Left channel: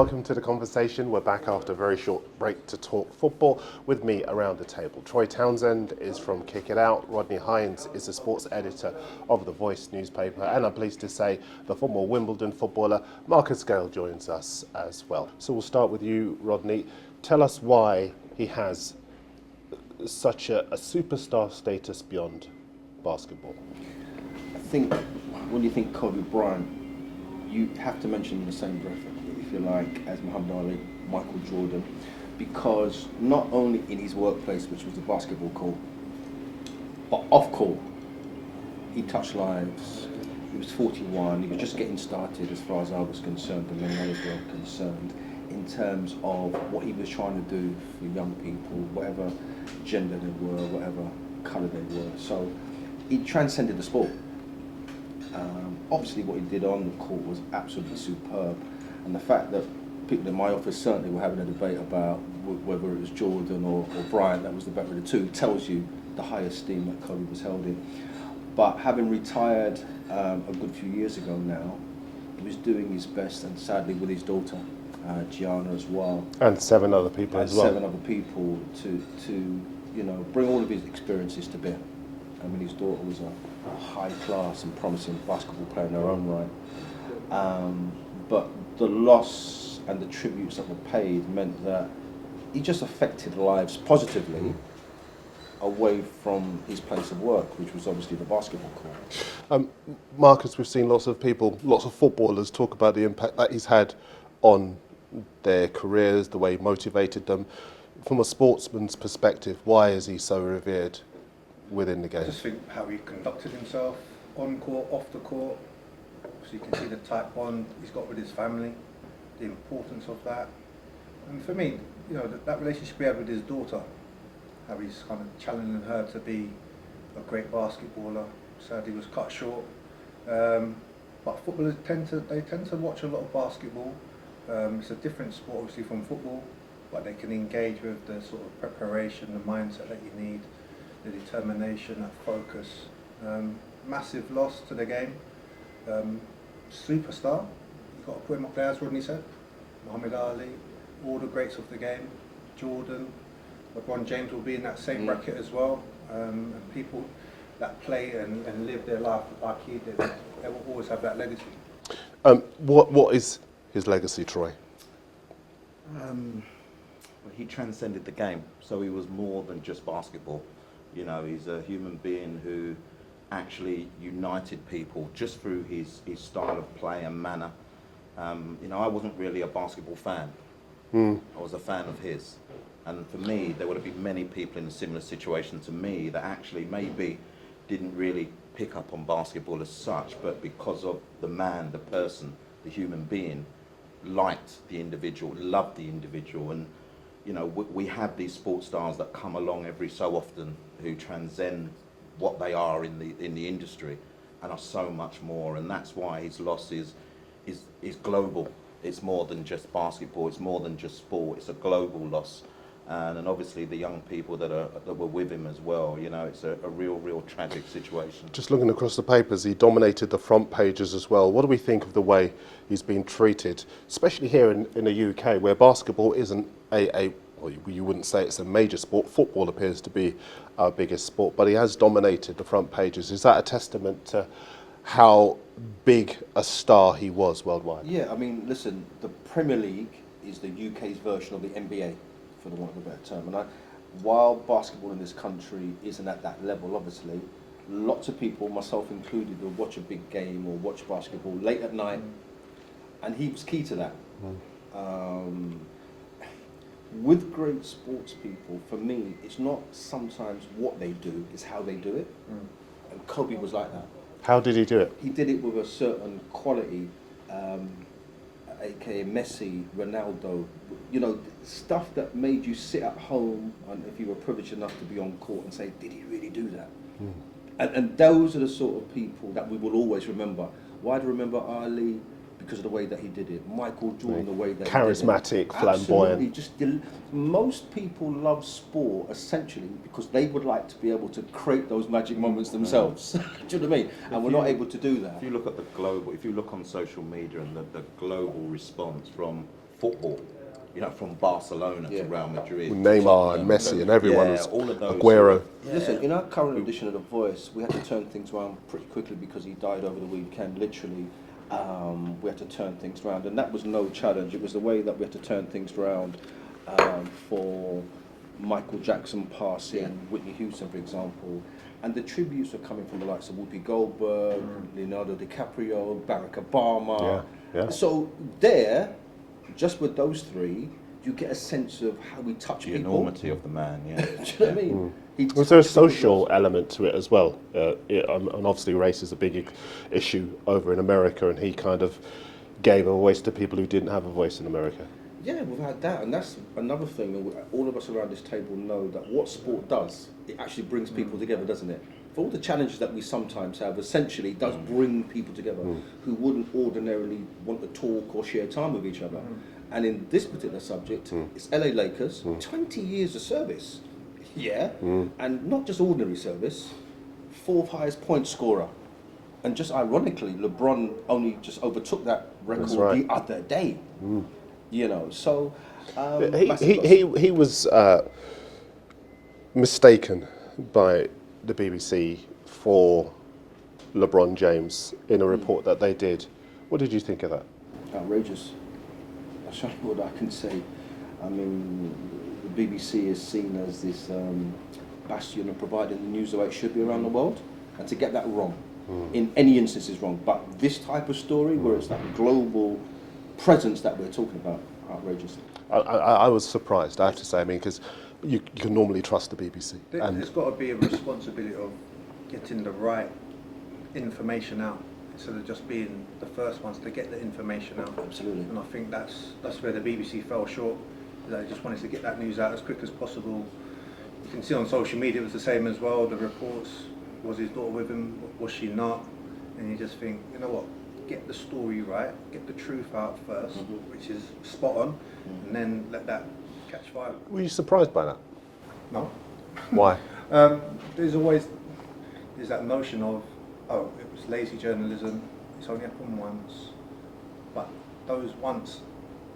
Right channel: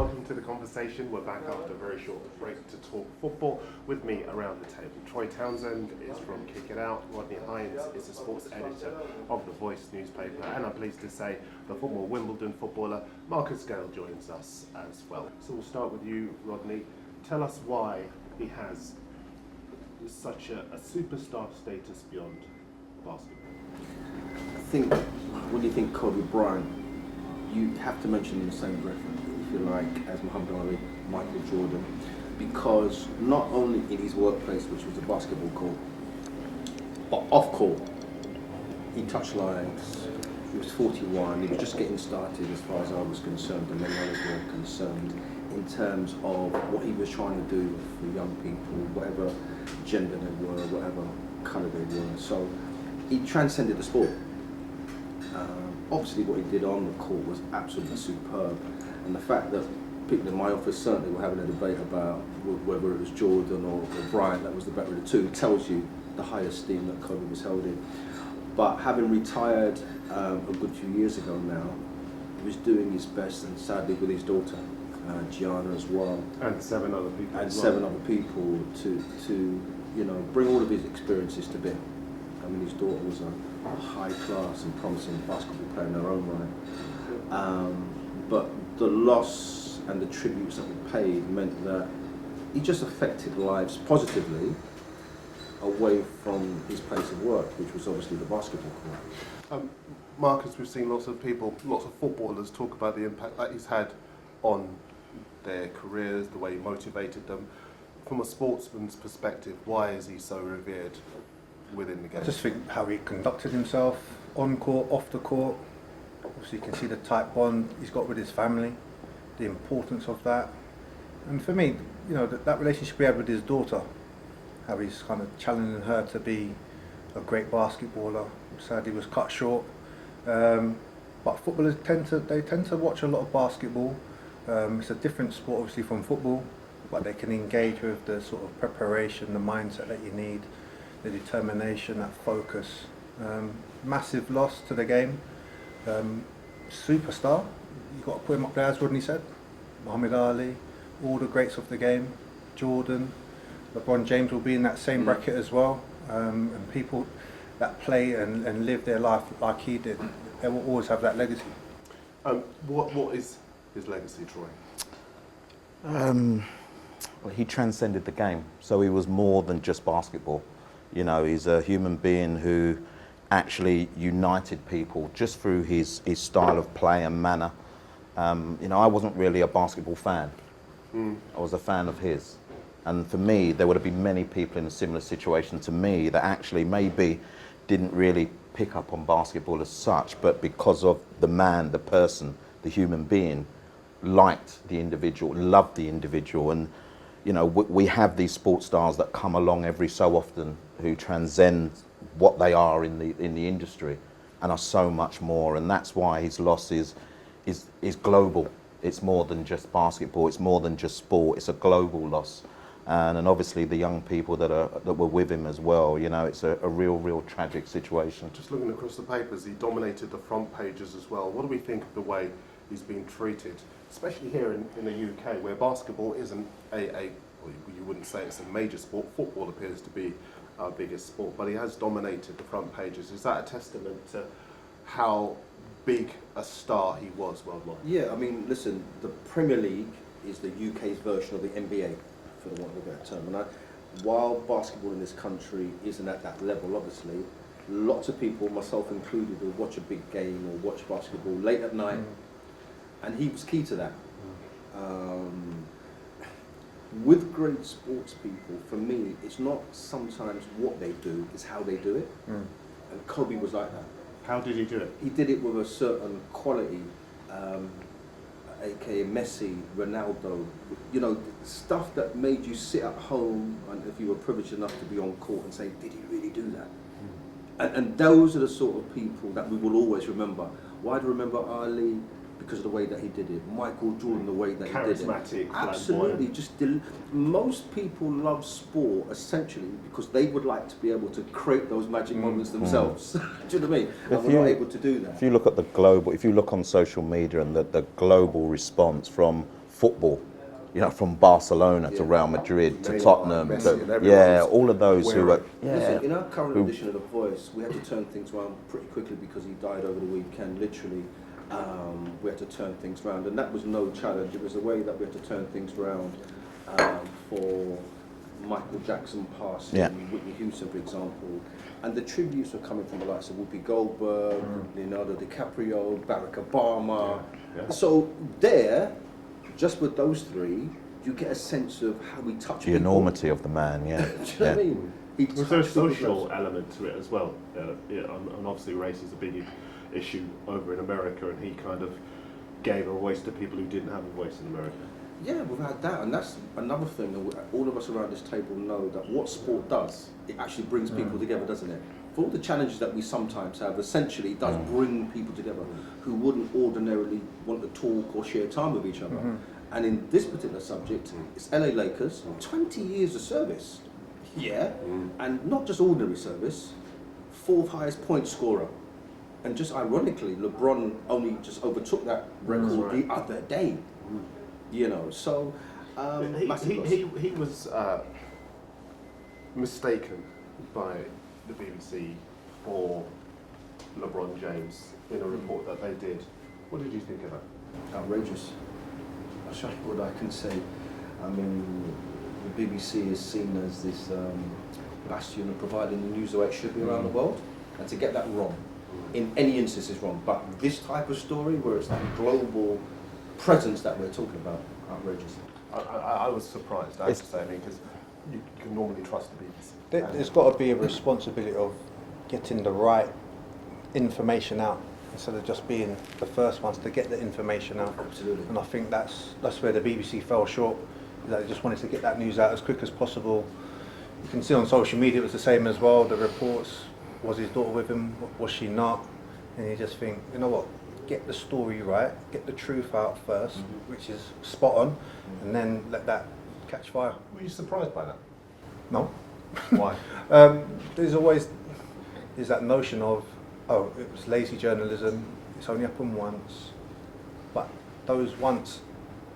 welcome to the conversation. We're back after a very short break to talk football. With me around the table, Troy Townsend is from Kick It Out. Rodney Hinds is the sports editor of the Voice newspaper, and I'm pleased to say the former Wimbledon footballer Marcus Gayle joins us as well. So we'll start with you, Rodney. Tell us why he has such a superstar status beyond basketball. I think when you think Kobe Bryant, you have to mention in the same breath, if you like, as Muhammad Ali, Michael Jordan, because not only in his workplace, which was the basketball court, but off court, he touched lives. He was 41. He was just getting started, as far as I was concerned, and my others were concerned, in terms of what he was trying to do for young people, whatever gender they were, whatever colour they were. So he transcended the sport. Obviously what he did on the court was absolutely superb, and the fact that people in my office certainly were having a debate about whether it was Jordan or Bryant that was the better of the two tells you the high esteem that Kobe was held in. But having retired a good few years ago now, he was doing his best, and sadly with his daughter Gianna as well, And 7 other people as well. 7 other people to bring all of his experiences to bear. I mean, his daughter was a high class and promising basketball player in her own right. But the loss and the tributes that were paid meant that he just affected lives positively away from his place of work, which was obviously the basketball court. Marcus, we've seen lots of footballers talk about the impact that he's had on their careers, the way he motivated them. From a sportsman's perspective, why is he so revered within the game? I just think how he conducted himself on court, off the court. Obviously you can see the tight bond he's got with his family, the importance of that. And for me, that relationship he had with his daughter, how he's kind of challenging her to be a great basketballer. Sadly was cut short. But footballers tend to watch a lot of basketball. It's a different sport obviously from football, but they can engage with the sort of preparation, the mindset that you need, the determination, that focus. Massive loss to the game. Superstar, you've got to put him up there, as Rodney said. Muhammad Ali, all the greats of the game, Jordan, LeBron James will be in that same bracket as well. And people that play and live their life like he did, they will always have that legacy. What is his legacy, Troy? Well, he transcended the game, so he was more than just basketball. He's a human being who actually united people just through his style of play and manner. I wasn't really a basketball fan. I was a fan of his. And for me, there would have been many people in a similar situation to me that actually maybe didn't really pick up on basketball as such, but because of the man, the person, the human being, liked the individual, loved the individual. And we have these sports stars that come along every so often who transcend what they are in the industry and are so much more. And that's why his loss is global. It's more than just basketball. It's more than just sport. It's a global loss. And obviously the young people that were with him as well. It's a real tragic situation. Just looking across the papers, he dominated the front pages as well. What do we think of the way he's been treated, especially here in the UK, where basketball isn't well, you wouldn't say it's a major sport. Football appears to be our biggest sport, but he has dominated the front pages. Is that a testament to how big a star he was worldwide? Yeah, I mean, listen, the Premier League is the UK's version of the NBA, for the want of a better term. And while basketball in this country isn't at that level, obviously, lots of people, myself included, will watch a big game or watch basketball late at night, and he was key to that. With great sports people, for me, it's not sometimes what they do, it's how they do it. And Kobe was like that. How did he do it? He did it with a certain quality, aka Messi, Ronaldo, stuff that made you sit at home, and if you were privileged enough to be on court, and say, did he really do that? And those are the sort of people that we will always remember. Why do we remember Ali? Because of the way that he did it. Michael Jordan, the way that charismatic, he did it. flamboyant. Absolutely. Most people love sport essentially because they would like to be able to create those magic moments themselves. Do you know what I mean? And we're not able to do that. If you look at if you look on social media and the global response from football. You know, from Barcelona to Real Madrid, to Neymar Tottenham, and Messi to- and everyone Yeah, was all of those. Aguero. Listen, in our current edition of The Voice, we had to turn things around pretty quickly because he died over the weekend. Literally, we had to turn things around, and that was no challenge. It was the way that we had to turn things around for Michael Jackson passing, Whitney Houston, for example. And the tributes were coming from the likes of Whoopi Goldberg, Leonardo DiCaprio, Barack Obama. So there, just with those three, you get a sense of how we touch The people. enormity of the man, yeah. Do you know what I mean? Was there a social element to it as well? And obviously race is a big issue over in America, and he kind of gave a voice to people who didn't have a voice in America. Yeah, without doubt, and that's another thing. All of us around this table know that what sport does, it actually brings people together, doesn't it? For all the challenges that we sometimes have, essentially it does bring people together who wouldn't ordinarily want to talk or share time with each other. And in this particular subject, it's LA Lakers, 20 years of service, and not just ordinary service, 4th highest point scorer. And just ironically, LeBron only just overtook that record the other day. You know, so he was mistaken by the BBC for LeBron James in a report that they did. What did you think of that? Outrageous. That's what I can say. I mean, the BBC is seen as this bastion of providing the news the way it should be around the world, and to get that wrong, in any instance is wrong. But this type of story, where it's that global presence that we're talking about, outrageous. I was surprised, I have to say. I mean, because you can normally trust the BBC. There's got to be a responsibility of getting the right information out instead of just being the first ones to get the information out. Absolutely. And I think that's where the BBC fell short. They just wanted to get that news out as quick as possible. You can see on social media it was the same as well. The reports, was his daughter with him? Was she not? And you just think, you know what? Get the story right, get the truth out first, which is spot on, and then let that catch fire. Were you surprised by that? No. Why? There's always that notion of, oh, it was lazy journalism, it's only happened once, but those once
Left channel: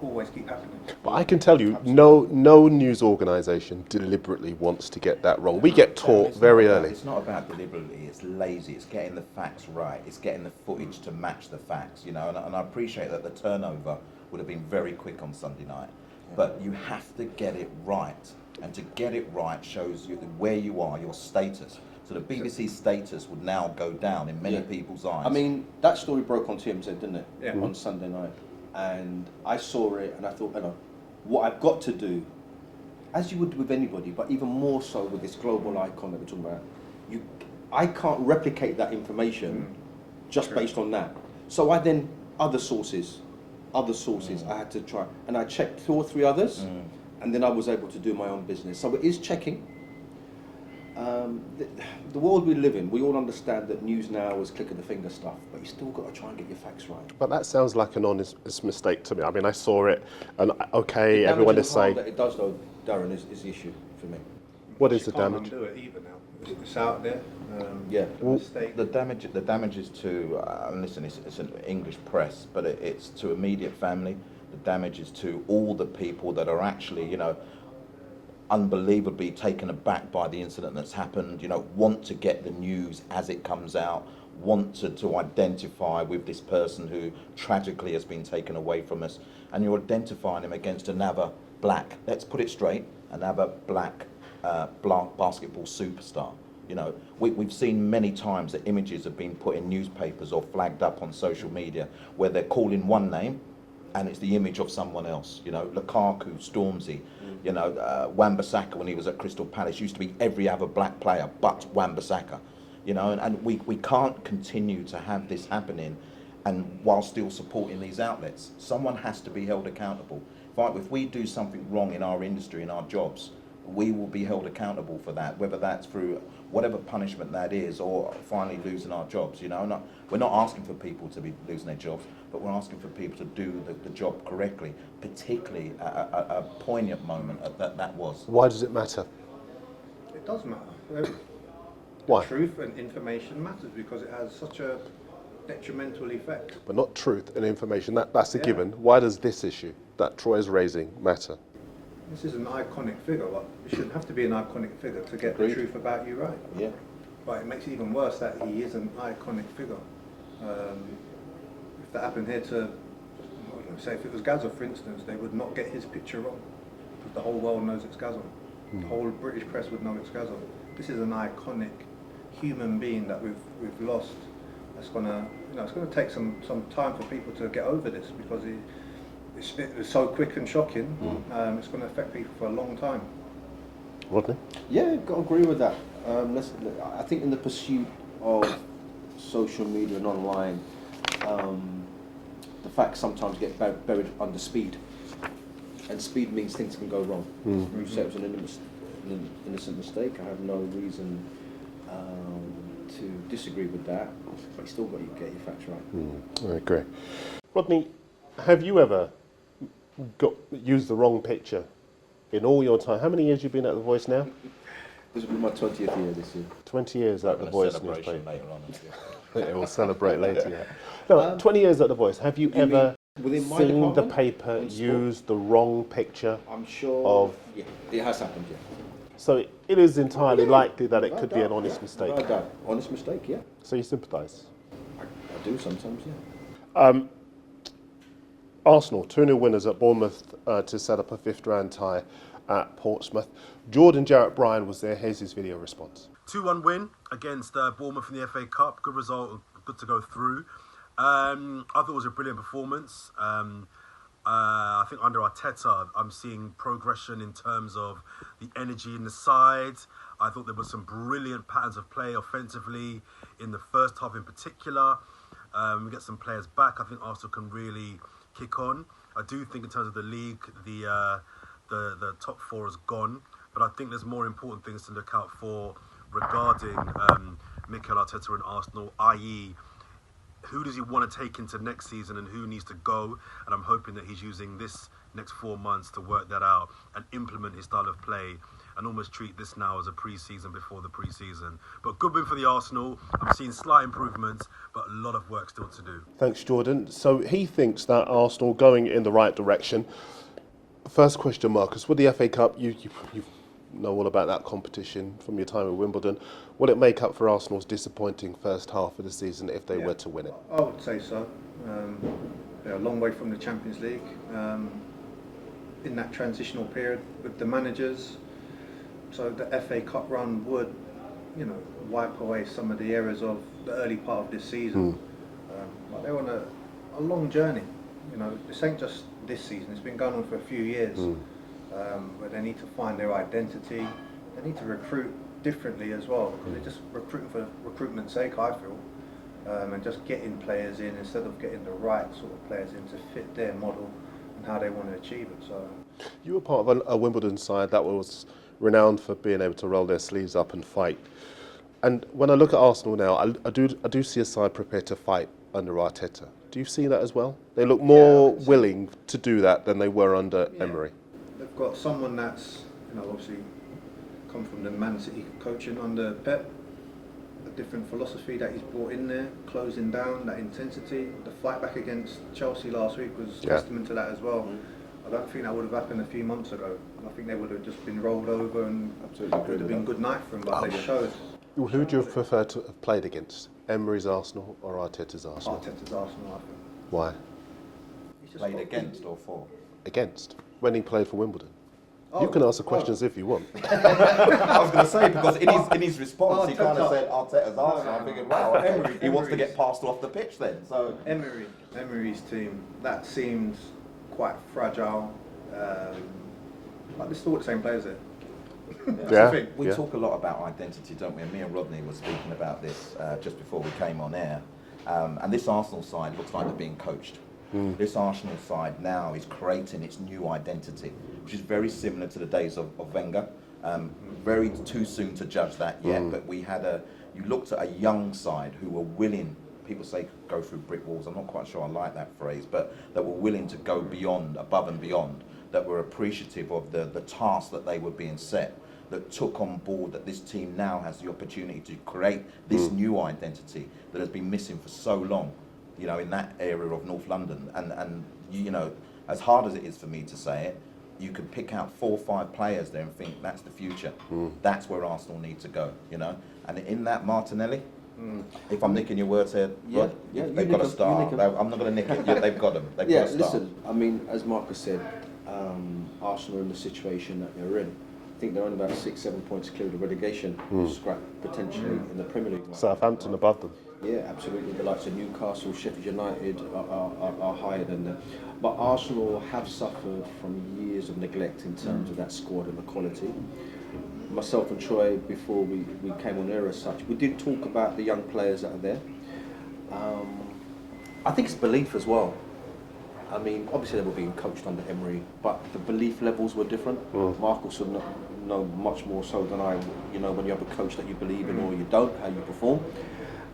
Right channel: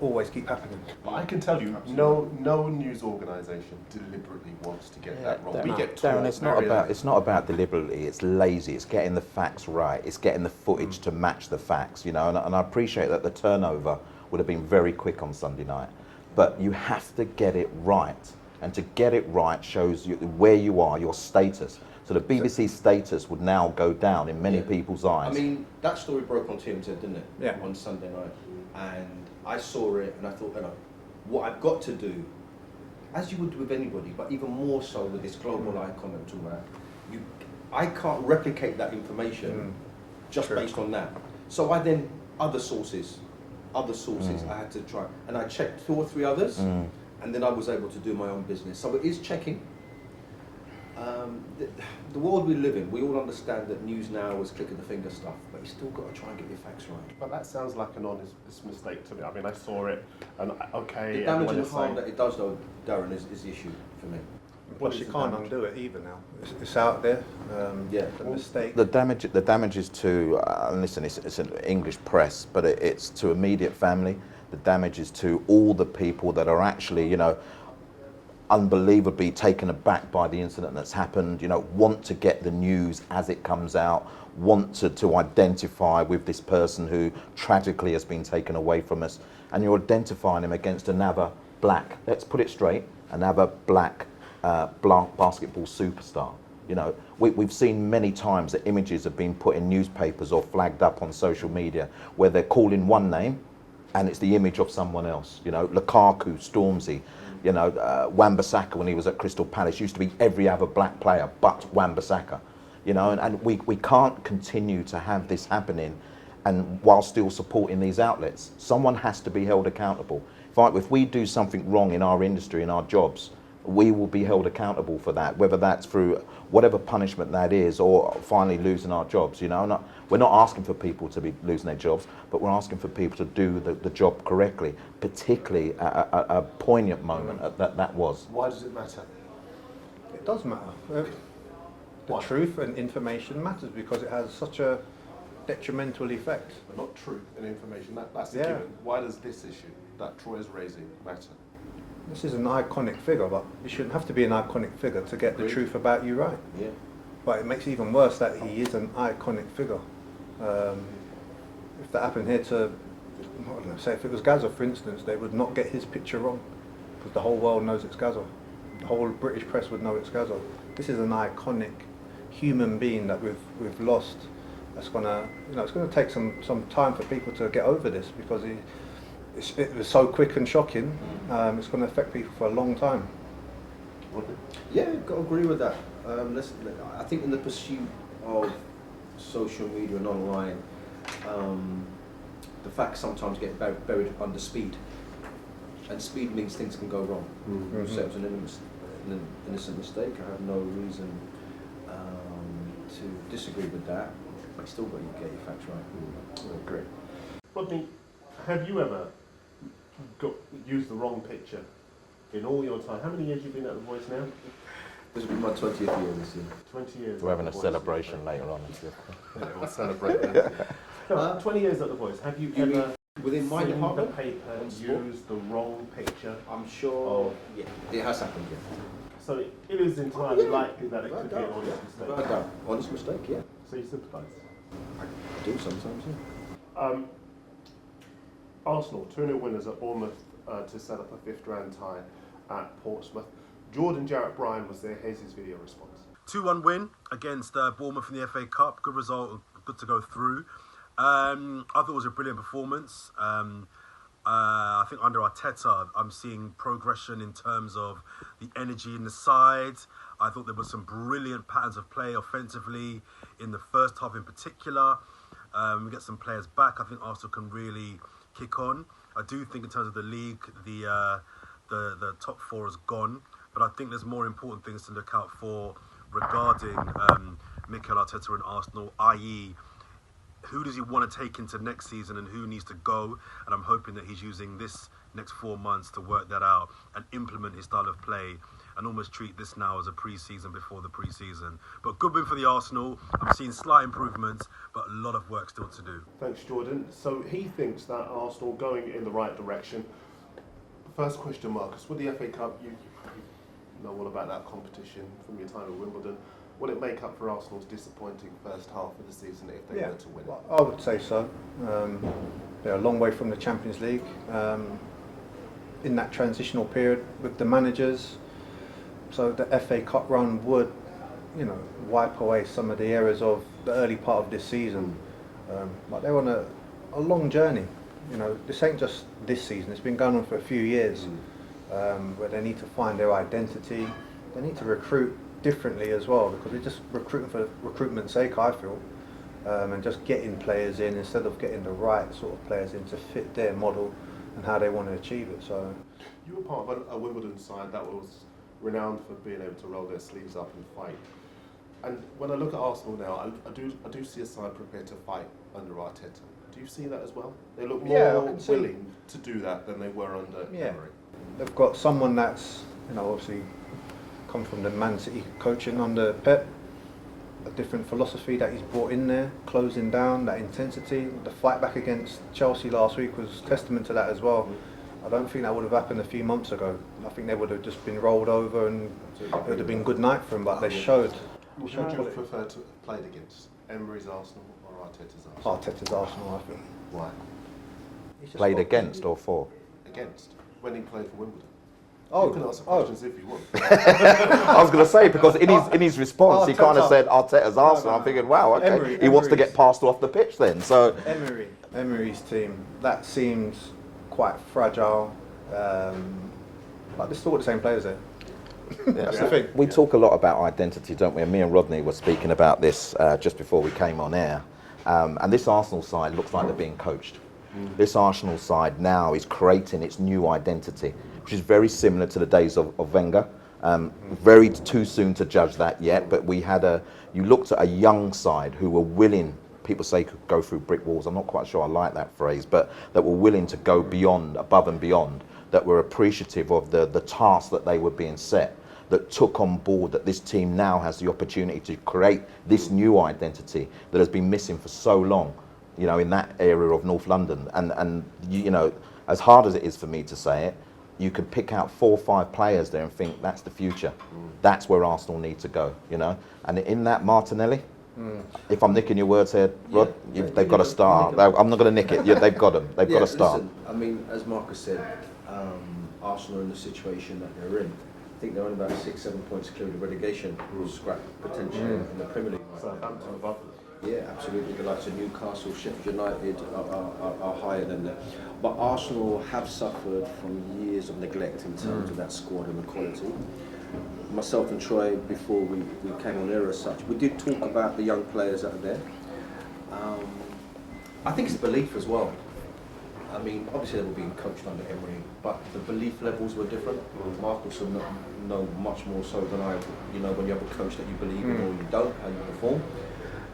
always keep happening. But I can tell you, no news organisation deliberately wants to get that wrong. We get taught very early. It's not about deliberately, it's lazy, it's getting the facts right, it's getting the footage to match the facts, you know, and I appreciate that the turnover would have been very quick on Sunday night, but you have to get it right, and to get it right shows you where you are, your status. So the BBC status would now go down in many people's eyes. I mean, that story broke on TMZ, didn't it? Yeah. On Sunday night. And I saw it and I thought, you know, what I've got to do, as you would with anybody, but even more so with this global icon that we're talking about, I can't replicate that information just based on that. So I then, other sources, I had to try. And I checked 2 or 3 others, and then I was able to do my own business. So it is checking. The world we live in, we all understand that news now is click of the finger stuff, but you still got to try and get your facts right. But that sounds like an honest mistake to me. I mean, I saw it, and okay, The everyone damage is and harm saying. that it does, though, Darren, is the issue for me. What You is the can't damage? undo it either now. It's out there. The mistake. The damage is to, and listen, it's an English press, but it's to immediate family. The damage is to all the people that are actually, you know, unbelievably taken aback by the incident that's happened, you know, want to get the news as it comes out, want to identify with this person who tragically has been taken away from us, and you're identifying him against another black, let's put it straight, another black basketball superstar. You know, we've seen many times that images have been put in newspapers or flagged up on social media where they're calling one name and it's the image of someone else. You know, Lukaku, Stormzy, you know, Wan-Bissaka when he was at Crystal Palace used to be every other black player but Wan-Bissaka. You know, and we can't continue to have this happening and while still supporting these outlets. Someone has to be held accountable. If we do something wrong in our industry, in our jobs, we will be held accountable for that, whether that's through whatever punishment that is or finally losing our jobs. You know, we're not asking for people to be losing their jobs, but we're asking for people to do the job correctly, particularly at a poignant moment that was. Why does it matter? It does matter. Why? Truth and information matters because it has such a detrimental effect. But not truth and information. That's a Yeah. given. Why does this issue that Troy is raising matter? This is an iconic figure, but you shouldn't have to be an iconic figure to get the truth about you right. Yeah. But it makes it even worse that he is an iconic figure. If that happened here to, I don't know, say if it was Gaza, for instance, they would not get his picture wrong because the whole world knows it's Gaza. The whole British press would know it's Gaza. This is an iconic human being that we've lost. That's gonna, it's gonna take some time for people to get over this because it was so quick and shocking. It's going to affect people for a long time. Rodney? Yeah, got to agree with that. I think in the pursuit of social media and online, the facts sometimes get buried under speed, and speed means things can go wrong. Mm-hmm. So it was an innocent mistake. I have no reason to disagree with that. But you still got to get your facts right. I agree. Rodney, have you ever used the wrong picture in all your time? How many years have you been at The Voice now? This will be my 20th year this year. 20 years We're at The having a Voice. celebration later on. Yeah, we'll celebrate later. No, 20 years at The Voice. Have you ever Within my seen the department? paper On sport? use the wrong picture? I'm sure. Of- Yeah, it has happened. Yeah. So it is entirely likely that it could be an honest mistake. No doubt. Honest mistake. Yeah. So you sympathise? I do sometimes. Yeah. Arsenal, 2-0 winners at Bournemouth to set up a fifth round tie at Portsmouth. Jordan Jarrett Bryan was there. Here's his video response. 2-1 win against Bournemouth in the FA Cup. Good result, good to go through. I thought it was a brilliant performance. I think under Arteta, I'm seeing progression in terms of the energy in the side. I thought there were some brilliant patterns of play offensively in the first half in particular. We get some players back. I think Arsenal can really kick on. I do think in terms of the league, the top four is gone. But I think there's more important things to look out for regarding Mikel Arteta and Arsenal, i.e., who does he want to take into next season and who needs to go? And I'm hoping that he's using this next 4 months to work that out and implement his style of play and almost treat this now as a pre-season before the pre-season. But good win for the Arsenal. I'm seeing slight improvements, but a lot of work still to do. Thanks, Jordan. So he thinks that Arsenal going in the right direction. First question, Marcus. With the FA Cup, you know all about that competition from your time at Wimbledon. Will it make up for Arsenal's disappointing first half of the season if they were to win it? I would say so. They're a long way from the Champions League. In that transitional period with the managers, so the FA Cup run would, wipe away some of the errors of the early part of this season. But they're on a long journey. This ain't just this season. It's been going on for a few years. Where they need to find their identity. They need to recruit differently as well, because they're just recruiting for recruitment's sake, I feel, and just getting players in instead of getting the right sort of players in to fit their model and how they want to achieve it. So you were part of a Wimbledon side that was renowned for being able to roll their sleeves up and fight. And when I look at Arsenal now, I do see a side prepared to fight under Arteta. Do you see that as well? They look more willing to do that than they were under Emery. They've got someone that's, obviously come from the Man City coaching under Pep, a different philosophy that he's brought in there, closing down, that intensity. The fight back against Chelsea last week was testament to that as well. I don't think that would have happened a few months ago. I think they would have just been rolled over and it would have been good night for them, but they showed. Who would you prefer to have played against? Emery's Arsenal or Arteta's Arsenal? Arteta's Arsenal, I think. Why? Played against or for? Against. When he played for Wimbledon. You can answer questions if you want. I was going to say, because in his response, he kind of said Arteta's Arsenal. I'm thinking, wow, okay, he wants to get passed off the pitch then. So Emery's team, that seems quite fragile. But they're still the same players there. We talk a lot about identity, don't we? And me and Rodney were speaking about this just before we came on air. And this Arsenal side looks like they're being coached. This Arsenal side now is creating its new identity, which is very similar to the days of Wenger. Very too soon to judge that yet, but you looked at a young side who were willing, people say could go through brick walls, I'm not quite sure I like that phrase, but that were willing to go beyond, above and beyond, that were appreciative of the task that they were being set, that took on board that this team now has the opportunity to create this new identity that has been missing for so long, you know, in that area of North London. And you know, as hard as it is for me to say it, you could pick out 4 or 5 players there and think that's the future. That's where Arsenal need to go, you know. And in that, Martinelli, if I'm nicking your words here, Rod, they've got to start. I'm not going to nick it. Yeah, they've got them. They've got to start. Listen, I mean, as Marcus said, Arsenal in the situation that they're in, I think they're on about 6-7 points clear of the relegation scrap potentially in the Premier League. Right? Southampton above them. Yeah, absolutely. The likes of Newcastle, Sheffield United are higher than them. But Arsenal have suffered from years of neglect in terms of that squad and the quality. Myself and Troy, before we came on air as such, we did talk about the young players that are there. I think it's belief as well. I mean, obviously they were being coached under Emery, but the belief levels were different. Marcus will know much more so than I, you know, when you have a coach that you believe in or you don't, how you perform.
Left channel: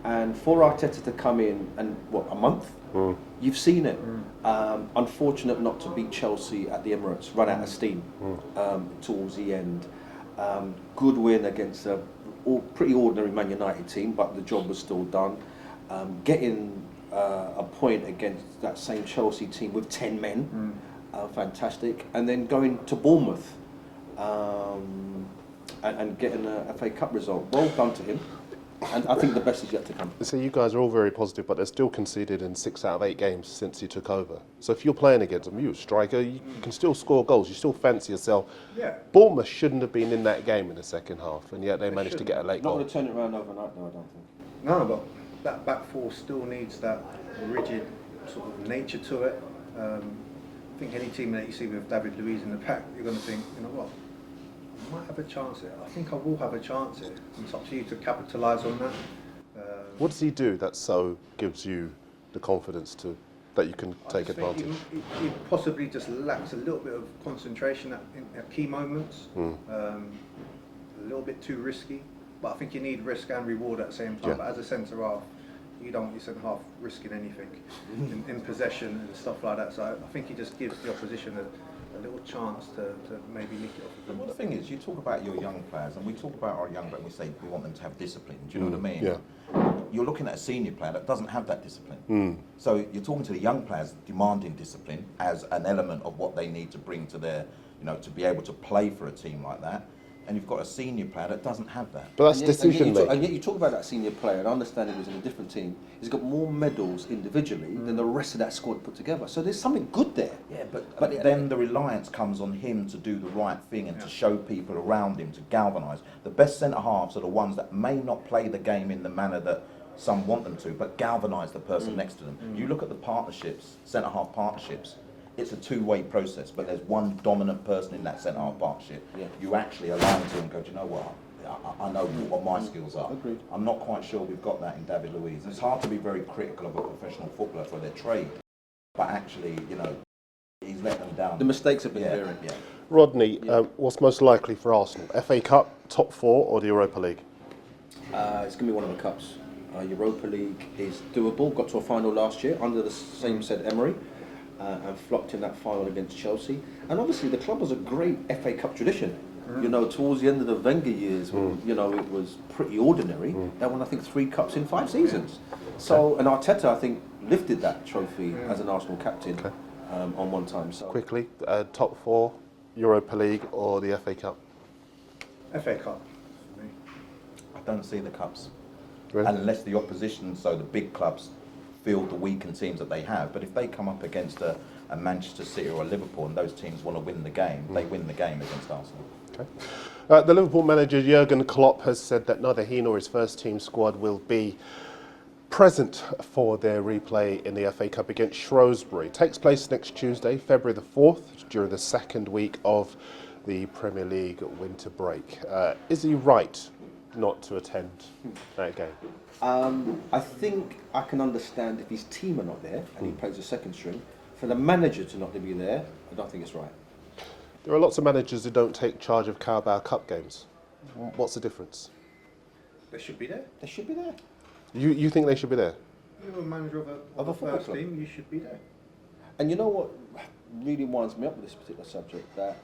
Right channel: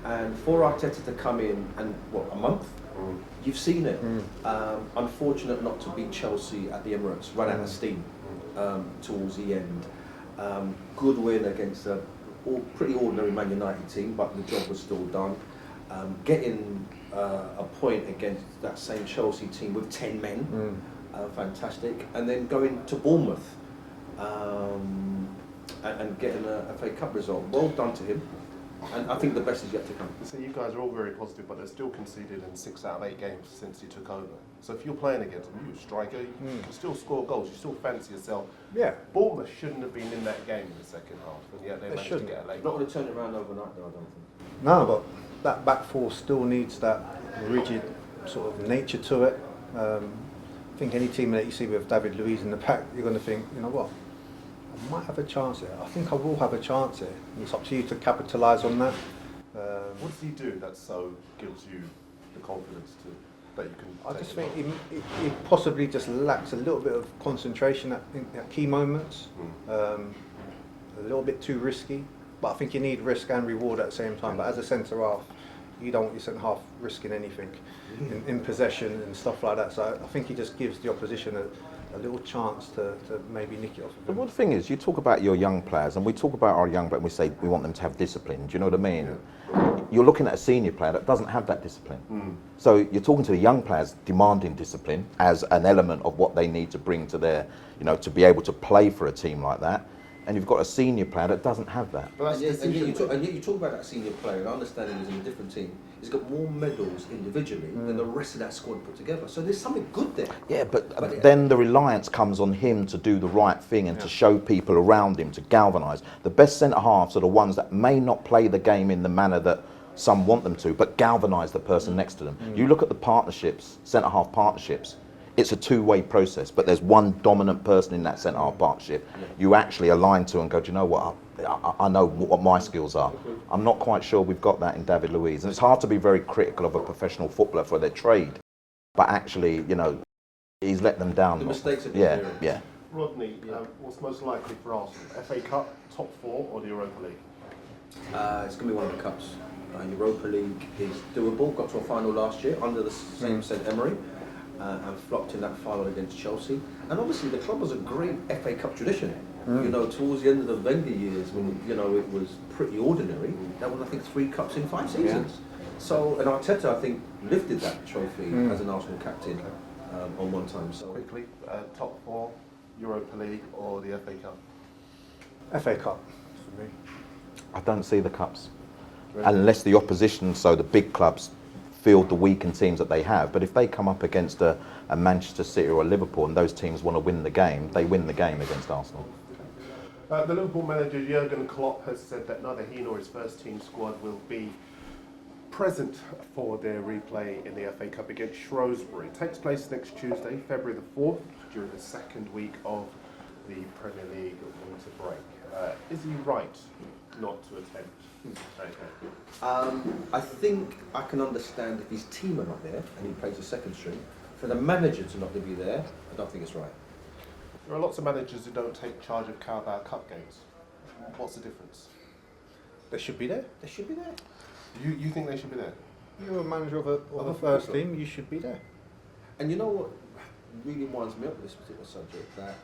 And for Arteta to come in and, what, a month? You've seen it. Unfortunate not to beat Chelsea at the Emirates, run out of steam towards the end. Good win against a pretty ordinary Man United team, but the job was still done. Getting a point against that same Chelsea team with 10 men, fantastic. And then going to Bournemouth and getting a FA Cup result. Well done to him. And I think the best is yet to come. So you guys are all very positive, but they're still conceded in 6 out of 8 games since he took over. So if you're playing against them, you're a striker, you can still score goals, you still fancy yourself. Yeah. Bournemouth shouldn't have been in that game in the second half, and yet they managed to get a late Not goal. going to turn it around overnight, though, I don't think. No, but that back four still needs that rigid sort of nature to it. I think any team that you see with David Luiz in the pack, you're going to think, you know what, I might have a chance here. I think I will have a chance here. It's up to you to capitalise on that. What does he do that so gives you the confidence that you can I take just think advantage? he possibly just lacks a little bit of concentration at key moments. A little bit too risky. But I think you need risk and reward at the same time. Yeah. But as a centre half, you don't want your centre half risking anything in possession and stuff like that. So I think he just gives the opposition a little chance to maybe nick it off. But one thing is, you talk about your young players, and we talk about our young players, and we say we want them to have discipline. Do you know what I mean? Yeah. You're looking at a senior player that doesn't have that discipline. So you're talking to the young players demanding discipline as an element of what they need to bring to their, you know, to be able to play for a team like that. And you've got a senior player that doesn't have that. But that's And yet decision making. and yet you talk about that senior player, and I understand he's in a different team. He's got more medals individually than the rest of that squad put together. So there's something good there. Yeah, but then the reliance comes on him to do the right thing and to show people around him, to galvanise. The best centre-halves are the ones that may not play the game in the manner that some want them to, but galvanise the person next to them. You look at the partnerships, centre-half partnerships, it's a two-way process, but there's one dominant person in that centre-half partnership you actually align to and go, do you know what, I know what my skills are. I'm not quite sure we've got that in David Luiz. And it's hard to be very critical of a professional footballer for their trade, but actually, you know, he's let them down. The mistakes have been varied. Yeah. Rodney, what's most likely for Arsenal? FA Cup, top 4, or the Europa League? It's going to be one of the cups. Europa League is doable. Got to a final last year under the same said Emery. And flopped in that final against Chelsea. And obviously the club has a great FA Cup tradition. You know, towards the end of the Wenger years, when, you know, it was pretty ordinary. They won, I think, 3 cups in 5 seasons. So, and Arteta, I think, lifted that trophy as an Arsenal captain on one time. So Quickly, top 4, Europa League, or the FA Cup? FA Cup for me. I don't see the cups. Really? Unless the opposition, so the big clubs, field the weakened teams that they have. But if they come up against a Manchester City or a Liverpool and those teams want to win the game, they win the game against Arsenal. Okay. The Liverpool manager Jurgen Klopp has said that neither he nor his first team squad will be present for their replay in the FA Cup against Shrewsbury. It takes place next Tuesday, February the 4th, during the second week of the Premier League winter break. Is he right not to attend that game? I think I can understand if his team are not there and he plays a second string. For the manager to not be there, I don't think it's right. There are lots of managers who don't take charge of Carabao Cup games. What's the difference? They should be there. They should be there. You think they should be there? You're a manager of a football first club. team, you should be there. And you know what really winds me up with this particular subject? That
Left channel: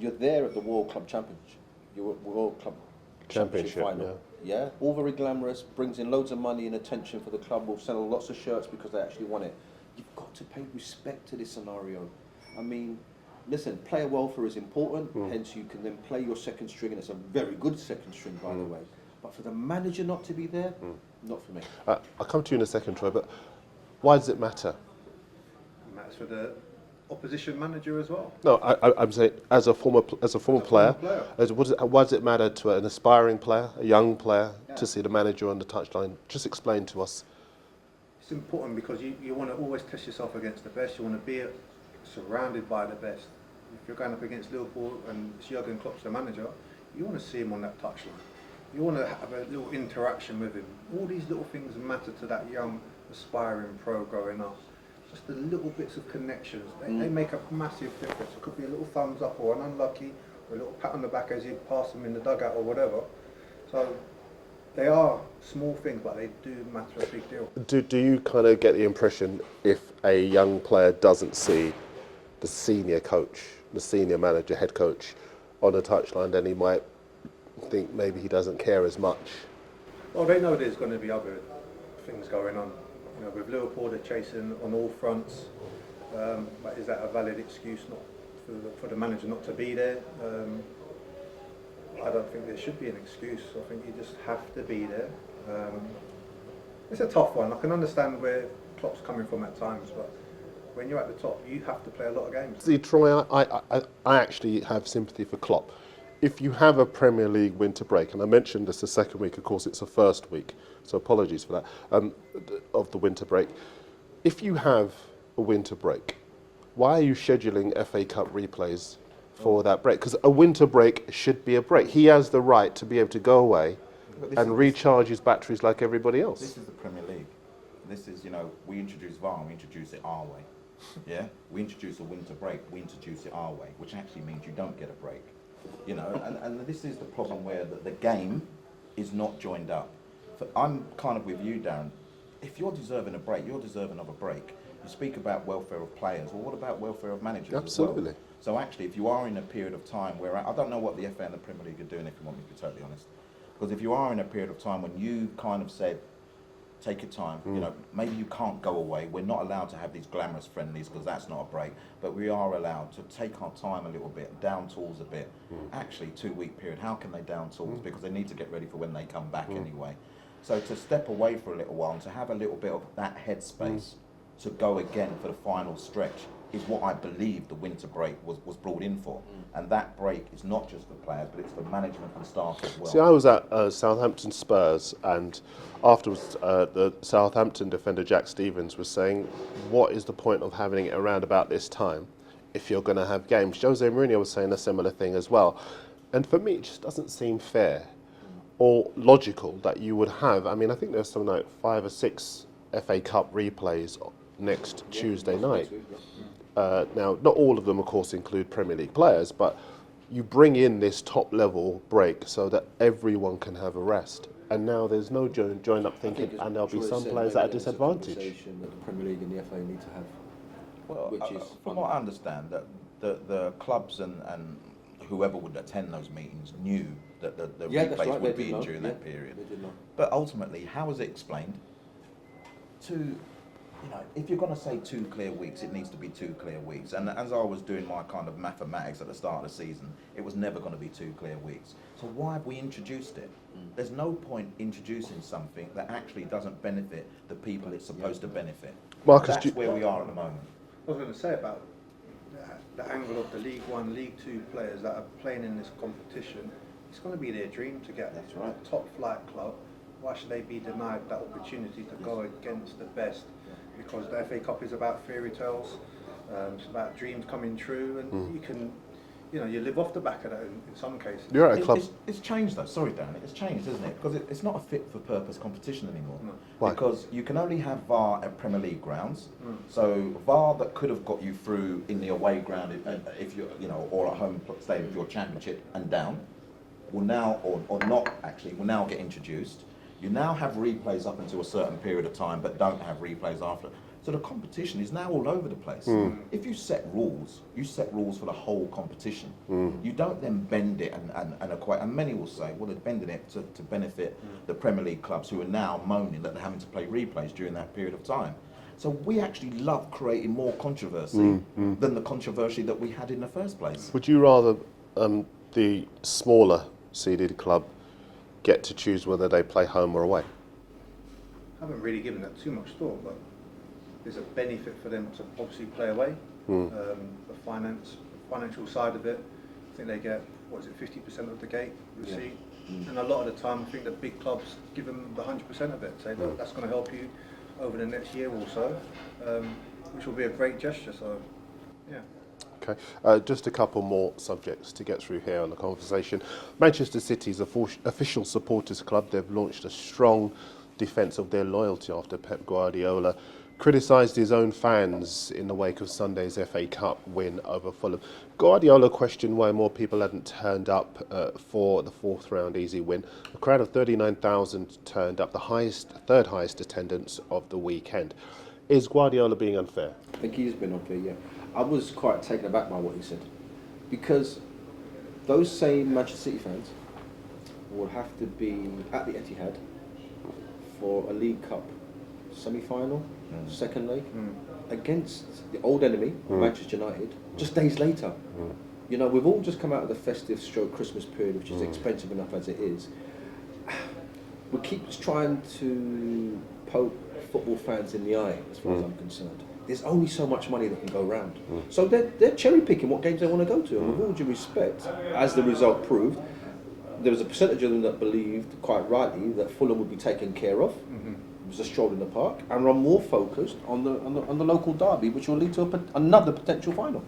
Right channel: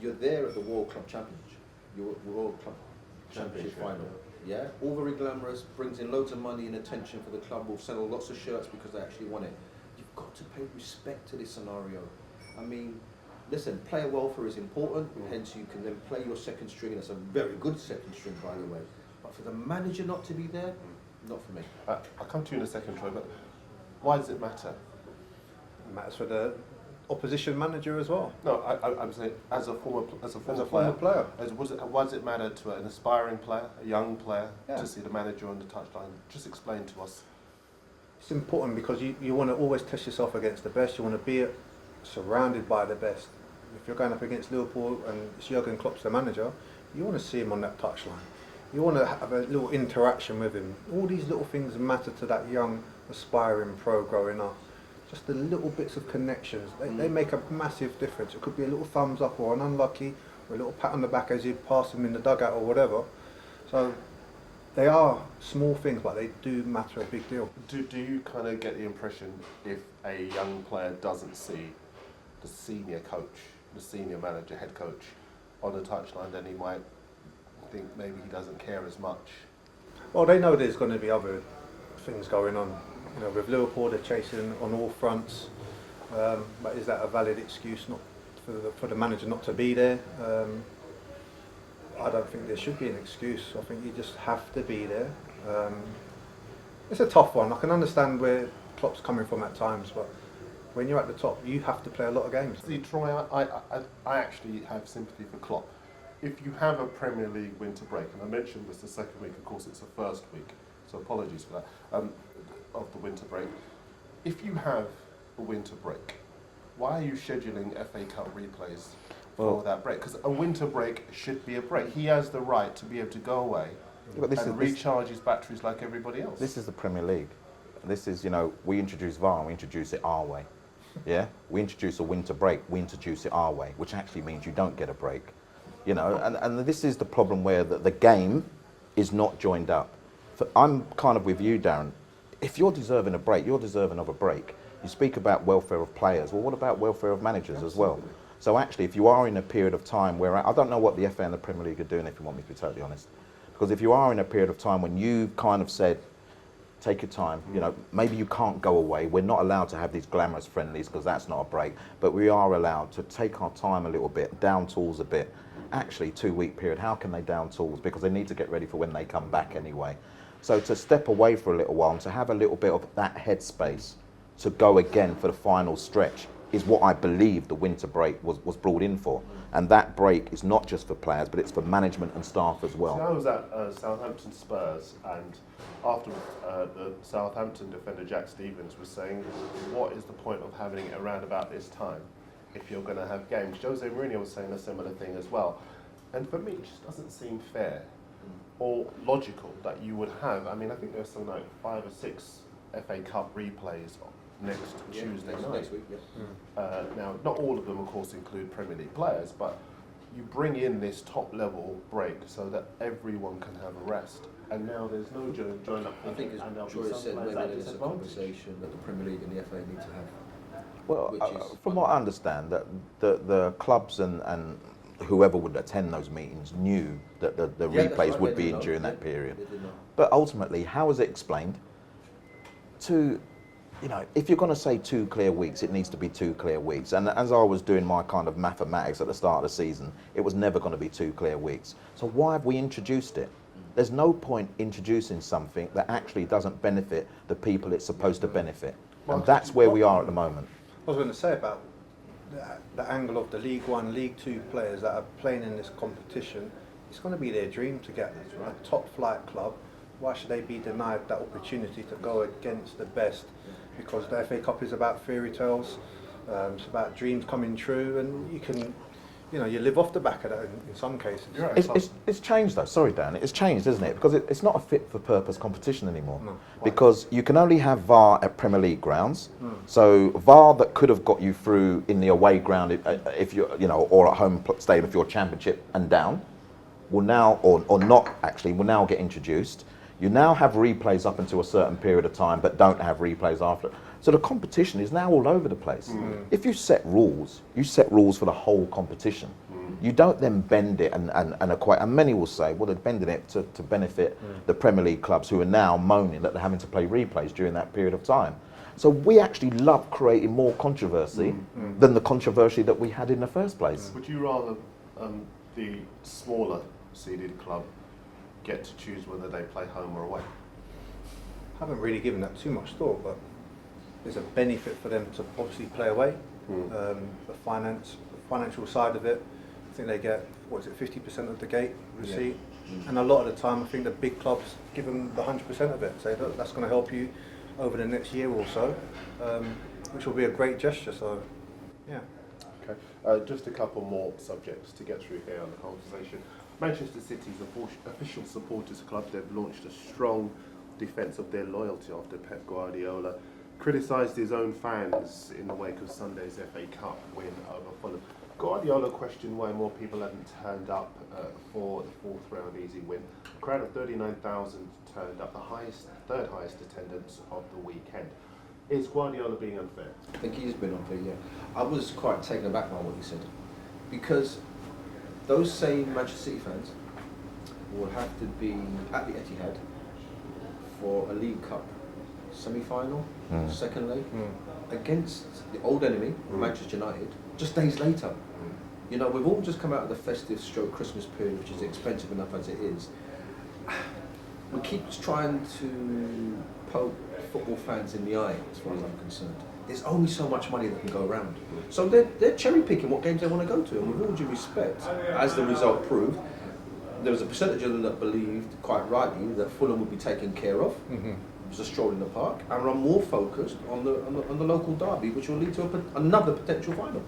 you're there at the World Club Championship. your World Club Championship final. Yeah, all very glamorous, brings in loads of money and attention for the club. Will sell lots of shirts because they actually won it. You've got to pay respect to this scenario. I mean, listen, player welfare is important, hence you can then play your second string, and it's a very good second string, by the way. But for the manager not to be there, not for me. I'll come to you in a second, Troy, but why does it matter? It matters for the opposition manager as well. No, I'm saying as a former player. Why does it matter to an aspiring player, a young player, to see the manager on the touchline? Just explain to us. It's important because you want to always test yourself against the best. You want to be surrounded by the best. If you're going up against Liverpool and Jurgen Klopp's the manager, you want to see him on that touchline. You want to have a little interaction with him. All these little things matter to that young, aspiring pro growing up. Just the little bits of connections, they make a massive difference. It could be a little thumbs up or an unlucky, or a little pat on the back as you pass them in the dugout or whatever. So they are small things, but they do matter a big deal. Do you kind of get the impression if a young player doesn't see the senior coach, the senior manager, head coach on the touchline, then he might think maybe he doesn't care as much? Well, they know there's going to be other things going on. You know, with Liverpool, they're chasing on all fronts. But is that a valid excuse not for the manager not to be there? I don't think there should be an excuse. I think you just have to be there. It's a tough one. I can understand where Klopp's coming from at times, but when you're at the top, you have to play a lot of games. See, Troy, I actually have sympathy for Klopp. If you have a Premier League winter break, and I mentioned this the second week, of course it's the first week, so apologies for that, of the winter break. If you have a winter break, why are you scheduling FA Cup replays for that break? Because a winter break should be a break. He has the right to be able to go away and recharge his batteries like everybody else. This is the Premier League. This is, you know, we introduce VAR, we introduce it our way. Yeah? We introduce a winter break, we introduce it our way, which actually means you don't get a break. You know, and this is the problem where the game is not joined up. I'm kind of with you, Darren. If you're deserving a break, you're deserving of a break. You speak about welfare of players. Well, what about welfare of managers as well? So actually, if you are in a period of time where, I don't know what the FA and the Premier League are doing, if you want me to be totally honest. Because if you are in a period of time when you kind of said, take your time, you know, maybe you can't go away. We're not allowed to have these glamorous friendlies because that's not a break. But we are allowed to take our time a little bit, down tools a bit. Actually, 2-week period, how can they down tools? Because they need to get ready for when they come back anyway. So to step away for a little while and to have a little bit of that headspace to go again for the final stretch is what I believe the winter break was brought in for. And that break is not just for players, but it's for management and staff as well. See, I was at Southampton Spurs, and afterwards the Southampton defender Jack Stevens was saying, what is the point of having it around about this time if you're going to have games? Jose Mourinho was saying a similar thing as well. And for me, it just doesn't seem fair or logical that you would have, I mean, I think there's something like 5 or 6 FA Cup replays next Tuesday night. Now, not all of them, of course, include Premier League players, but you bring in this top-level break so that everyone can have a rest. And now there's no join-up thinking, and there'll be some players at a disadvantage. That the Premier League and the FA need to have. Well, from what I understand, that the clubs and whoever would attend those meetings knew that the replays would be in during that period. But ultimately, how is it explained? You know, if you're going to say 2 clear weeks, it needs to be 2 clear weeks. And as I was doing my kind of mathematics at the start of the season, it was never going to be 2 clear weeks. So why have we introduced it? There's no point introducing something that actually doesn't benefit the people it's supposed to benefit. Marcus, that's where we are at the moment. I was going to say about the angle of the League One, League Two players that are playing in this competition. It's going to be their dream to get a top flight club. Why should they be denied that opportunity to go against the best? Because the FA Cup is about fairy tales, it's about dreams coming true, and you can, you know, you live off the back of that in some cases. You're right, it's changed though, sorry Dan, it's changed, isn't it? Because it's not a fit for purpose competition anymore. No. Because you can only have VAR at Premier League grounds. So VAR that could have got you through in the away ground if you're, you know, or at home stadium if you're Championship and down, will now, or not actually, will now get introduced. You now have replays up until a certain period of time, but don't have replays after. So the competition is now all over the place. If you set rules for the whole competition. You don't then bend it and equate, and many will say, well, they're bending it to benefit the Premier League clubs who are now moaning that they're having to play replays during that period of time. So we actually love creating more controversy than the controversy that we had in the first place. Would you rather the smaller seeded club get to choose whether they play home or away? I haven't really given that too much thought, but there's a benefit for them to obviously play away. The financial side of it, I think they get, 50% of the gate receipt. And a lot of the time, I think the big clubs give them the 100% of it. Say, look, that's going to help you over the next year or so, which will be a great gesture. So, yeah. Okay, just a couple more subjects to get through here on the conversation. Manchester City's official supporters club, they've launched a strong defence of their loyalty after Pep Guardiola criticised his own fans in the wake of Sunday's FA Cup win over Fulham. Guardiola questioned why more people hadn't turned up for the fourth round easy win. A crowd of 39,000 turned up, the third highest attendance of the weekend. Is Guardiola being unfair? I think he's been unfair, yeah. I was quite taken aback by what he said, because those same Manchester City fans will have to be at the Etihad for a League Cup semi-final, second leg, against the old enemy, Manchester United, just days later. You know, we've all just come out of the festive Christmas period, which is expensive enough as it is. We keep trying to poke football fans in the eye, as far as I'm concerned. There's only so much money that can go around. So they're cherry picking what games they want to go to. And with all due respect, as the result proved, there was a percentage of them that believed, quite rightly, that Fulham would be taken care of. It was a stroll in the park, and are more focused on the local derby, which will lead to another potential final.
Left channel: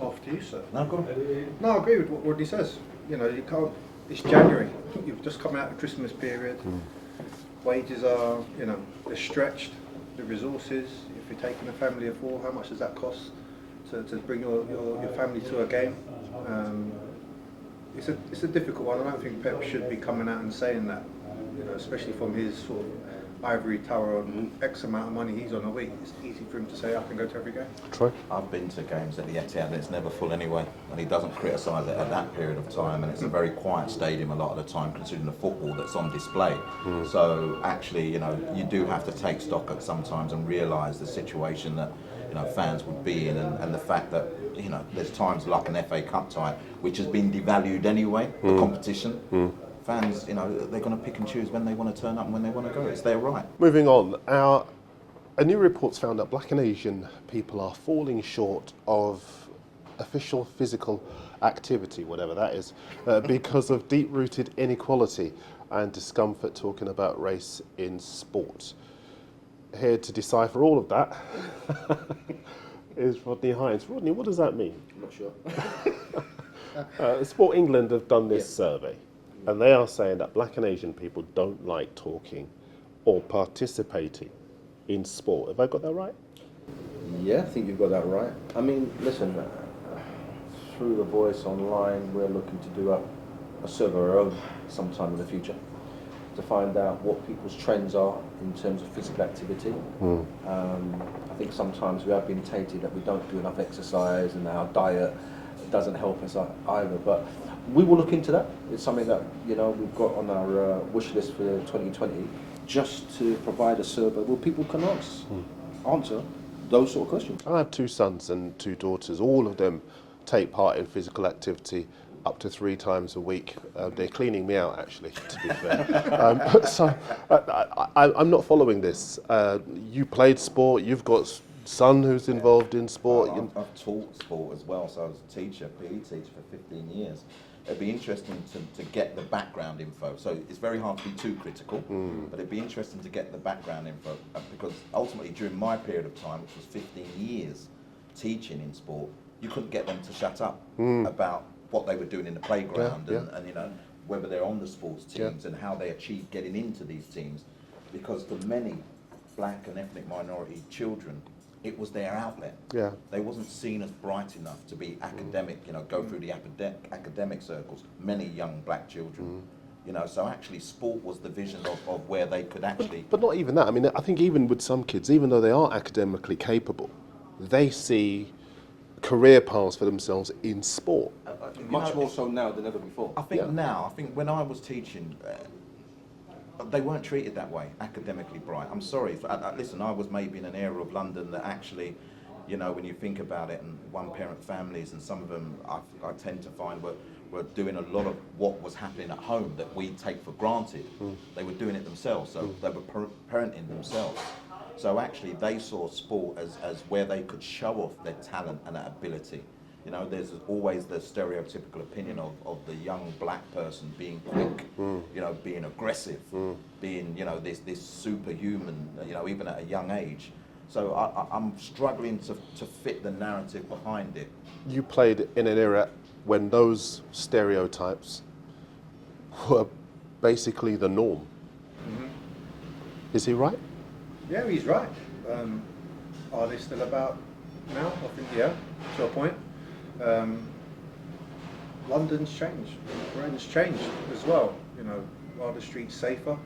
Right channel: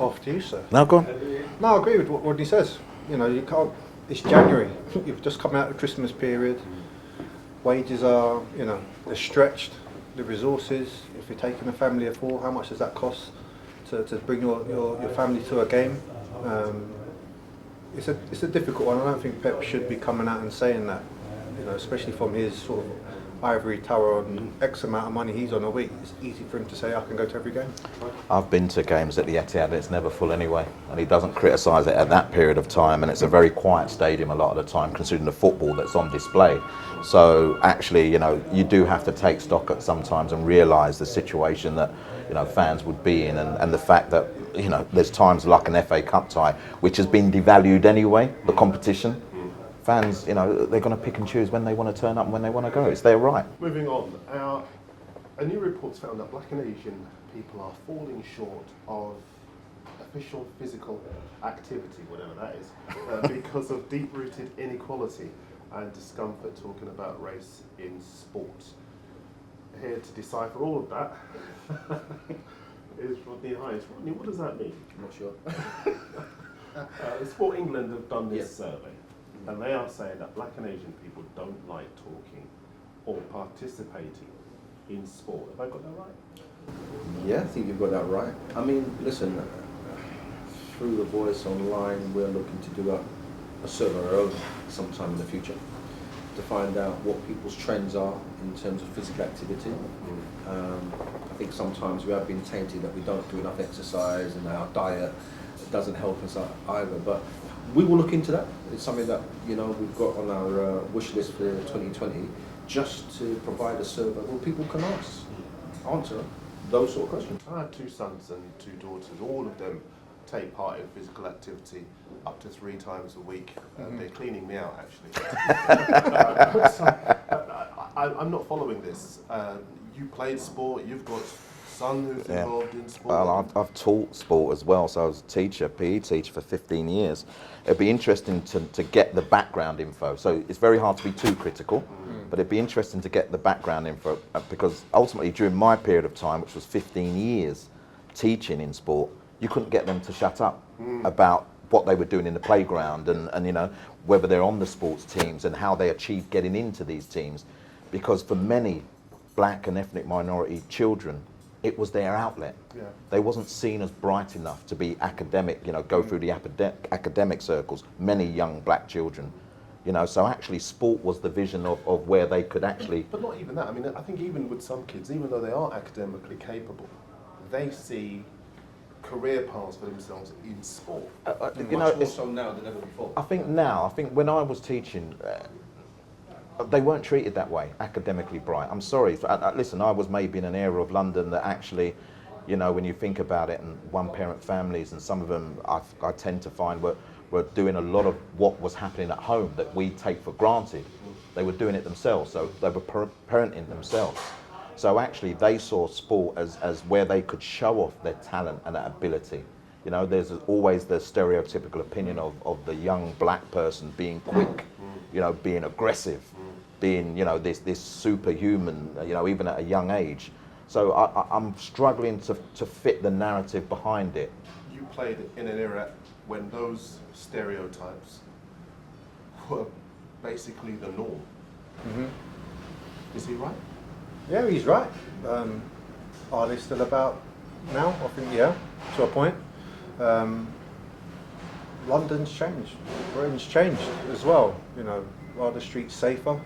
Off to you, sir. No, go on. No, I agree with what he says. You know, you can't. It's January. You've just come out of the Christmas period. Wages are, they're stretched. The resources. If you're taking a family of four, how much does that cost to bring your family to a game? It's a difficult one. I don't think Pep should be coming out and saying that. Especially from his sort of ivory tower on X amount of money he's on a week. It's easy for him to say, I can go to every game. I've been to games at the Etihad and it's never full anyway, and he doesn't criticise it at that period of time, and it's a very quiet stadium a lot of the time considering the football that's on display. So actually, you do have to take stock at sometimes and realise the situation that fans would be in, and the fact that there's times like an FA Cup tie which has been devalued anyway, the competition. Fans, they're going to pick and choose when they want to turn up and when they want to go. It's their right. Moving on, a new report's found that Black and Asian people are falling short of official physical activity, whatever that is, because of deep-rooted inequality and discomfort talking about race in sport. Here to decipher all of that is Rodney Hinds. Rodney, what does that mean? I'm not sure. Sport England have done this survey, and they are saying that Black and Asian people don't like talking or participating in sport. Have I got that right? Yeah, I think you've got that right. I mean, listen, through the Voice online, we're looking to do a survey of our own sometime in the future to find out what people's trends are in terms of physical activity. I think sometimes we have been tainted that we don't do enough exercise and our diet doesn't help us either. But we will look into that. It's something that we've got on our wish list for 2020, just to provide a survey where people can answer those sort of questions. I have two sons and two daughters. All of them take part in physical activity up to 3 times a week. They're cleaning me out, actually. So I'm not following this. You played sport. You've got son who's involved in sport. Well, I've taught sport as well, so I was a teacher, PE teacher for 15 years. It'd be interesting to get the background info. So it's very hard to be too critical, but it'd be interesting to get the background info, because ultimately during my period of time, which was 15 years teaching in sport, you couldn't get them to shut up about what they were doing in the playground and whether they're on the sports teams and how they achieved getting into these teams. Because for many black and ethnic minority children, it was their outlet. Yeah. They wasn't seen as bright enough to be academic, go through the academic circles, many young black children. You know, so actually sport was the vision of where they could actually... But not even that. I mean, I think even with some kids, even though they are academically capable, they see career paths for themselves in sport. Much more so now than ever before. I think when I was teaching, they weren't treated that way, academically bright. I'm sorry. Listen, I was maybe in an area of London that actually, you know, when you think about it, and one-parent families, and some of them I tend to find were doing a lot of what was happening at home that we take for granted. They were doing it themselves, so they were parenting themselves. So actually they saw sport as where they could show off their talent and their ability. You know, there's always the stereotypical opinion of the young black person being quick, you know, being aggressive, being, you know, this superhuman, you know, even at a young age. So I'm struggling to fit the narrative behind it. You played in an era when those stereotypes were basically the norm. Is he right? Yeah, he's right. Are they still about now? I think, yeah, to a point. London's changed. Britain's changed as well. You know, are the streets safer?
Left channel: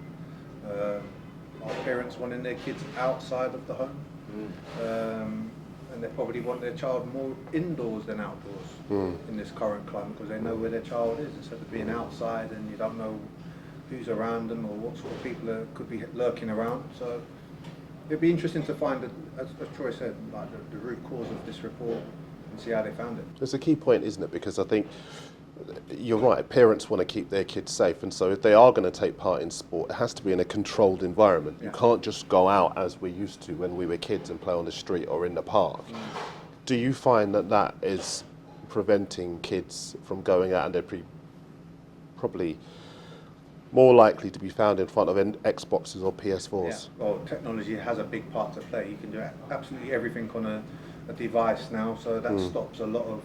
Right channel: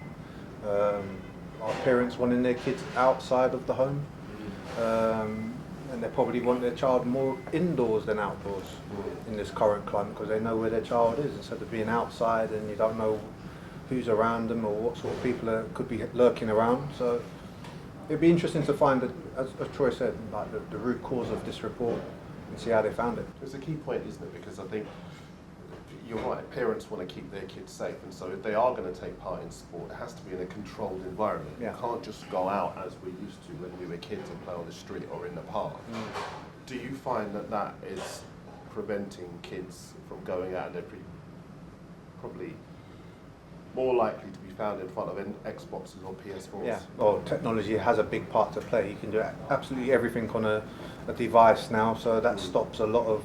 Are parents wanting their kids outside of the home? And they probably want their child more indoors than outdoors in this current climate, because they know where their child is instead of being outside and you don't know who's around them or what sort of people could be lurking around. So it'd be interesting to find, as Troy said, like the root cause of this report and see how they found it. It's a key point, isn't it? Because I think you're right, parents want to keep their kids safe, and so if they are going to take part in sport, it has to be in a controlled environment. Yeah. You can't just go out as we used to when we were kids and play on the street or in the park. Do you find that is preventing kids from going out, and they're probably more likely to be found in front of Xboxes or PS4s? Yeah, well, technology has a big part to play. You can do absolutely everything on a device now, so that stops a lot of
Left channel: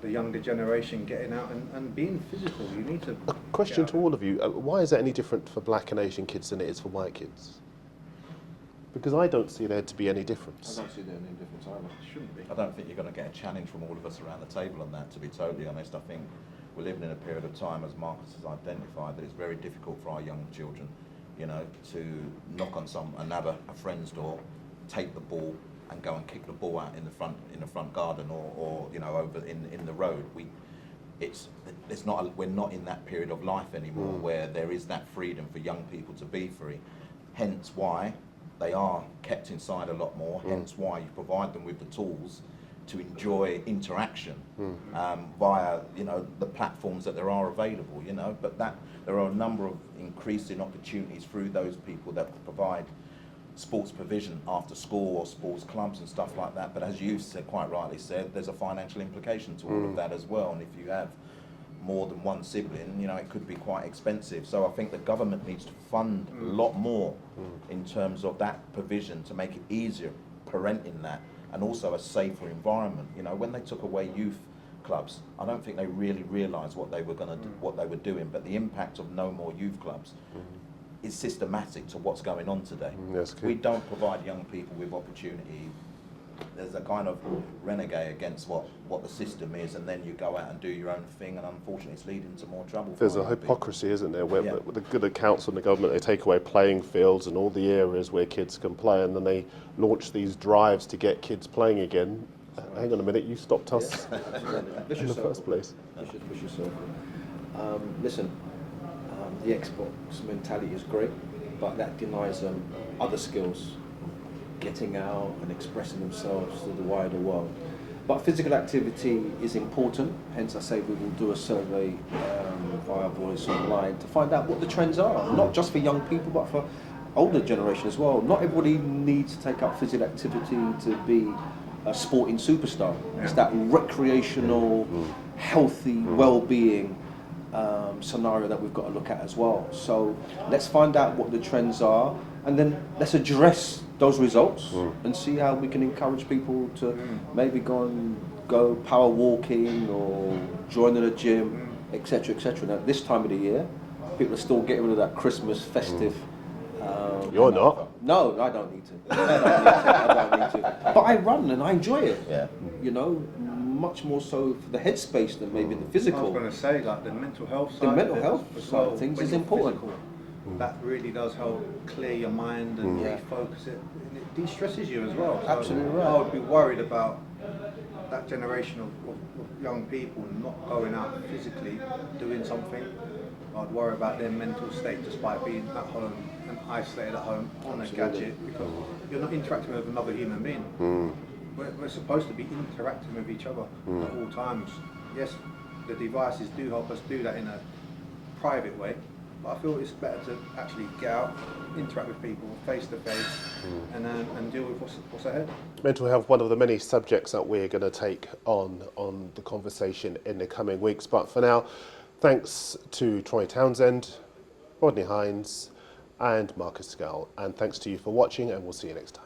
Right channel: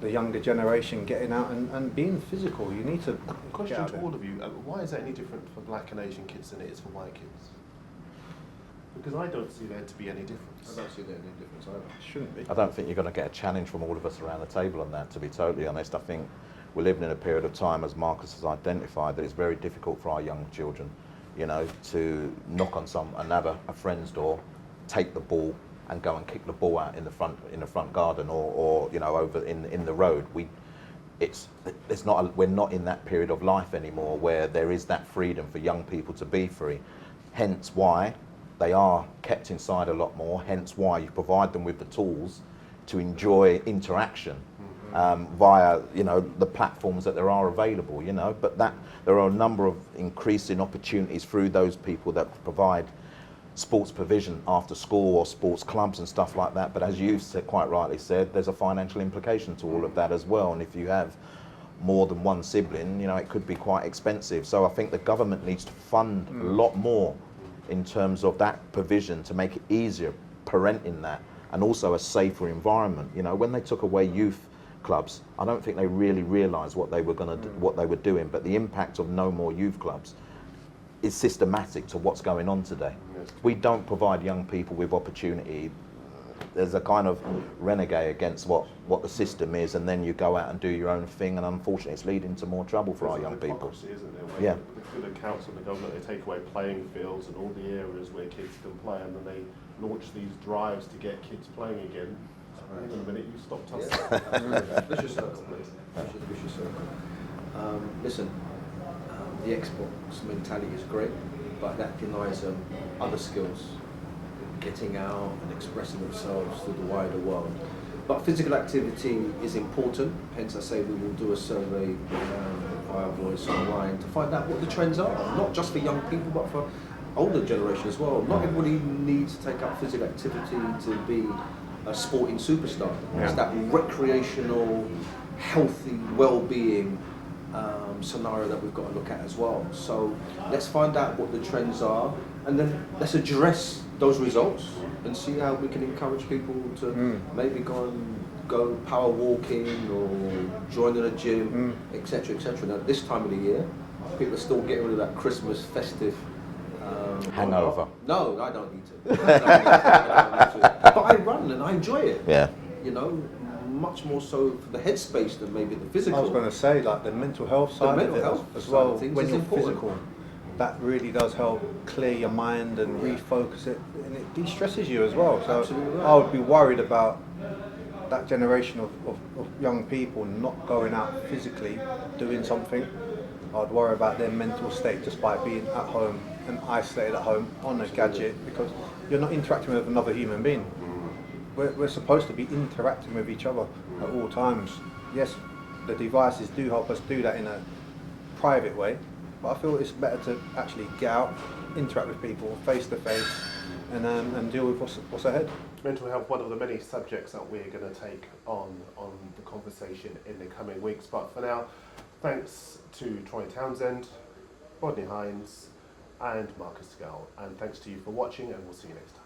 the younger generation getting out and being physical. You need to... A question to all of you, why is that any different for black and Asian kids than it is for white kids? Because I don't see there to be any difference. I don't see there any difference either. It shouldn't be. I don't think you're going to get a challenge from all of us around the table on that, to be totally honest. I think we're living in a period of time, as Marcus has identified, that it's very difficult for our young children, you know, to knock on a friend's door, take the ball, and go and kick the ball out in the front garden or you know, over in the road. We're not in that period of life anymore where there is that freedom for young people to be free. Hence why they are kept inside a lot more. Hence why you provide them with the tools to enjoy interaction via, you know, the platforms that there are available. You know, but there are a number of increasing opportunities through those people that provide sports provision after school or sports clubs and stuff like that. But as you've quite rightly said, there's a financial implication to all of that as well. And if you have more than one sibling, you know, it could be quite expensive. So I think the government needs to fund a lot more in terms of that provision to make it easier parenting that, and also a safer environment. You know, when they took away youth clubs, I don't think they really realised what they were what they were doing. But the impact of no more youth clubs is systematic to what's going on today. Yes, we don't provide young people with opportunity. There's a kind of renegade against what the system is, and then you go out and do your own thing, and unfortunately it's leading to more trouble for There's our a young hypocrisy, people. isn't there, where Yeah. with the good accounts from the government, they take away playing fields and all the areas where kids can play, and then they launch these drives to get kids playing again. Hang on a minute, you stopped us in the first place. Listen, the Xbox mentality is great, but that denies them other skills, getting out and expressing themselves to the wider world. But physical activity is important, hence I say we will do a survey via Voice online to find out what the trends are, not just for young people but for older generation as well. Not everybody needs to take up physical activity to be a sporting superstar. It's that recreational, healthy, well-being scenario that we've got to look at as well. So let's find out what the trends are, and then let's address those results and see how we can encourage people to maybe go power walking or join at a gym, etc., etc. Now this time of the year, people are still getting rid of that Christmas festive. You're hangover. not. No, I don't need to. But I run and I enjoy it. Yeah. You know, much more so for the headspace than maybe the physical. I was going to say, like the mental health The side mental of it health as side well, of things when is you're important. physical, that really does help clear your mind and Yeah. refocus it, and it de-stresses you as well. So Absolutely right. I would be worried about that generation of young people not going out physically, doing something. I'd worry about their mental state just by being at home and isolated at home on a gadget, because you're not interacting with another human being. We're supposed to be interacting with each other at all times. Yes, the devices do help us do that in a private way, but I feel it's better to actually get out, interact with people face to face, and deal with what's ahead. Mental health, one of the many subjects that we're going to take on the conversation in the coming weeks. But for now, thanks to Troy Townsend, Rodney Hinds, and Marcus Gayle, and thanks to you for watching, and we'll see you next time.